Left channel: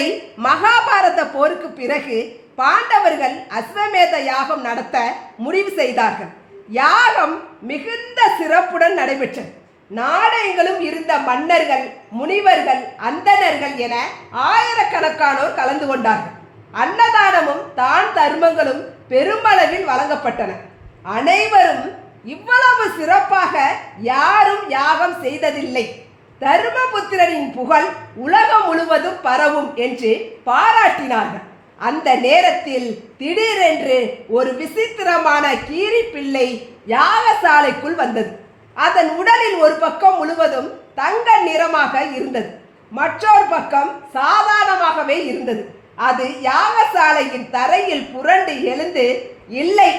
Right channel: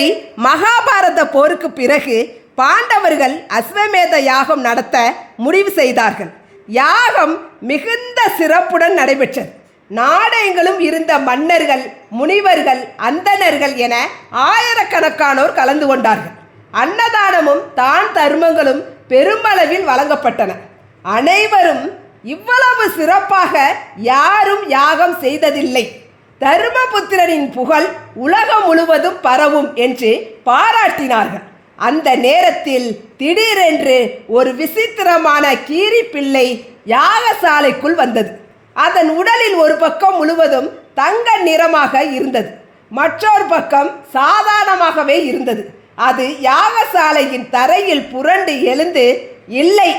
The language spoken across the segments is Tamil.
ஒருமுறை மகாபாரத போருக்கு பிறகு பாண்டவர்கள் அஸ்வமேத யாகம் நடத்த முடிவு செய்தார்கள். யாகம் மிகுந்த சிறப்புடன் நடைபெற்றது. நாடெங்கிலும் இருந்த மன்னர்கள், முனிவர்கள், அந்தணர்கள் என ஆயிரக்கணக்கானோர் கலந்து கொண்டார்கள். அன்னதானமும் தான் தர்மங்களும் பெருமளவில் வழங்கப்பட்டன. அனைவரும் இவ்வளவு சிறப்பாக யாரும் யாகம் செய்ததில்லை, தர்மபுத்திரனின் புகழ் உலகம் முழுவதும் பரவும் என்று பாராட்டினார்கள். அந்த நேரத்தில் திடீரென்று ஒரு விசித்திரமான கீரி பிள்ளை யாகசாலைக்குள் வந்தது. அதன் உடலில் ஒரு பக்கம் முழுவதும் தங்க நிறமாக இருந்தது, மற்றொரு பக்கம் சாதாரணமாகவே இருந்தது. அது யாகசாலையின் தரையில் புரண்டு எழுந்து, இல்லை,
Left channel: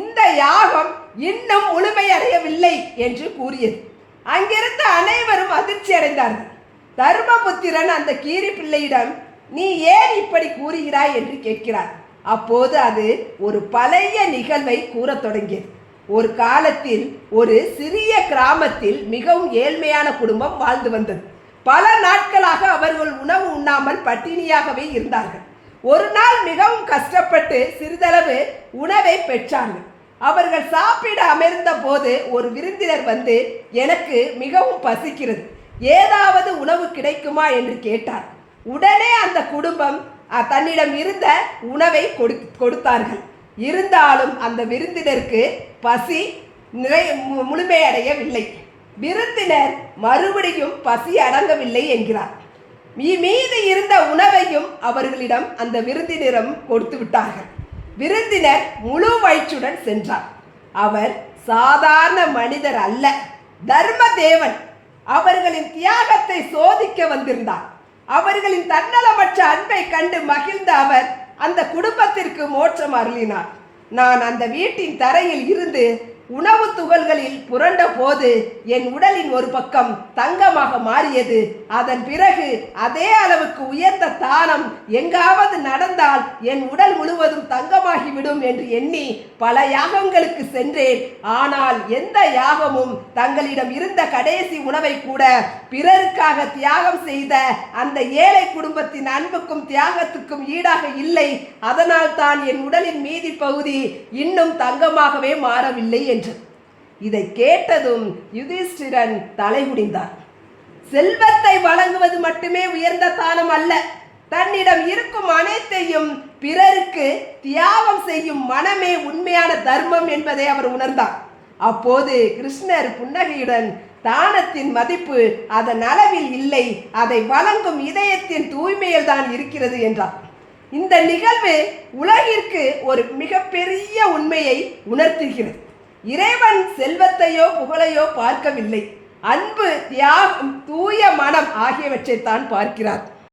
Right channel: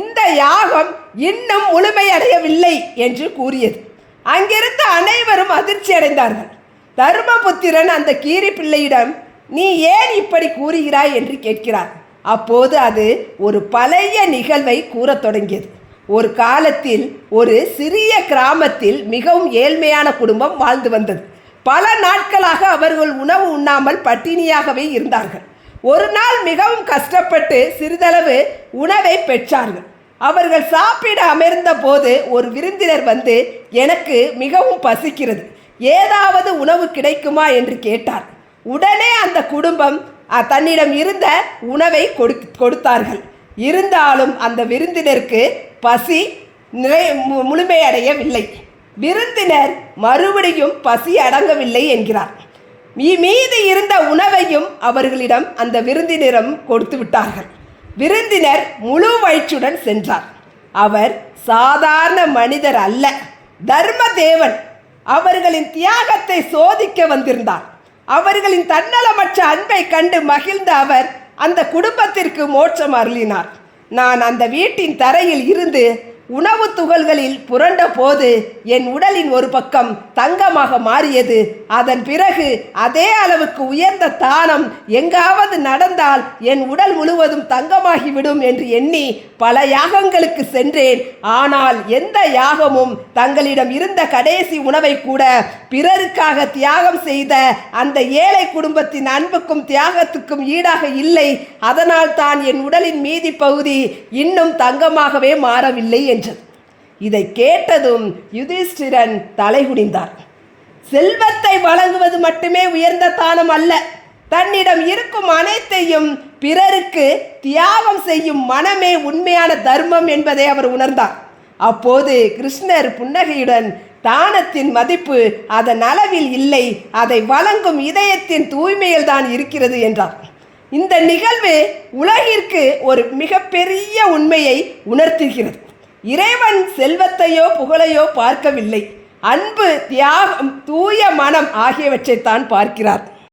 இந்த யாகம் இன்னும் முழுமையடையவில்லை என்று கூறியது. அங்கிருந்த அனைவரும் அதிர்ச்சி அடைந்தார்கள். தர்மபுத்திரன் அந்த கீரி பிள்ளையிடம், நீ ஏன் இப்படி கூறுகிறாய் என்று கேட்கிறார். அப்போது அது ஒரு பழைய நிகழ்வை கூறத் தொடங்கியது. ஒரு காலத்தில் ஒரு சிறிய கிராமத்தில் மிகவும் ஏழ்மையான குடும்பம் வாழ்ந்து வந்தது. பல நாட்களாக அவர்கள் உணவு உண்ணாமல் பட்டினியாகவே இருந்தார்கள். ஒரு நாள் மிகவும் கஷ்டப்பட்டு சிறிதளவு உணவை பெற்றார்கள். அவர்கள் சாப்பிட அமர்ந்த போது ஒரு விருந்தினர் வந்து, எனக்கு மிகவும் பசிக்கிறது, ஏதாவது உணவு கிடைக்குமா என்று கேட்டார். உடனே அந்த குடும்பம் தன்னிடம் இருந்த உணவை கொடுத்தார்கள். இருந்தாலும் அந்த விருந்தினருக்கு பசி முழுமையடையவில்லை. விருந்தினர் மறுபடியும் பசி அடங்கவில்லை என்கிறார். மீதி இருந்த உணவையும் அவர்களிடம் அந்த விருந்தினரிடம் கொடுத்து விட்டார்கள். விருந்தினர் முழு வயிற்றுடன் சென்றார். அவர் சாதாரண மனிதர் அல்ல, தர்மதேவன். அவர்களின் தியாகத்தை சோதிக்க வந்திருந்தார். அவர்களின் தன்னலமற்ற அன்பை கண்டு மகிழ்ந்த அவர் அந்த குடும்பத்திற்கு மோட்சம் அருளினார். நான் அந்த வீட்டின் தரையில் இருந்து உணவு துகள்களில் புரண்ட போது என் உடலின் ஒரு பக்கம் தங்கமாக மாறியது. அதன் பிறகு அதே அளவுக்கு உயர்ந்த தானம் எங்காவது நடந்தால் என் உடல் முழுவதும் தங்கமாகிவிடும் என்று எண்ணி பல யாகங்களுக்கு சென்றேன். ஆனால் எந்த யாகமும் தங்களிடம் இருந்த கடைசி உணவை கூட பிறருக்காக தியாகம் செய்த அந்த ஏழை குடும்பத்தின் அன்புக்கும் தியாகத்துக்கும் ஈடாக இல்லை. அதனால் தான் என் உடலின் மீதி பகுதி இன்னும் தங்கமாகவே மாறவில்லை என்றது. இதை கேட்டதும் யுதிஷ்டிரன் தலைகுனிந்தார். செல்வத்தை வழங்குவது மட்டுமே உயர்ந்த தானம் அல்ல, தன்னிடம் இருக்கும் அனைத்தையும் பிறருக்கு தியாகம் செய்யும் மனமே உண்மையான தர்மம் என்பதை அவர் உணர்ந்தார். அப்போது கிருஷ்ணர் புன்னகையுடன், தானத்தின் மதிப்பு அதன் அளவில் இல்லை, அதை வழங்கும் இதயத்தின் தூய்மையில் தான் இருக்கிறது என்றார். இந்த நிகழ்வு உலகிற்கு ஒரு மிகப்பெரிய உண்மையை உணர்த்துகிறது. இறைவன் செல்வத்தையோ புகழையோ பார்க்கவில்லை, அன்பு, தியாகம், தூய மனம் ஆகியவற்றைத்தான் பார்க்கிறார்.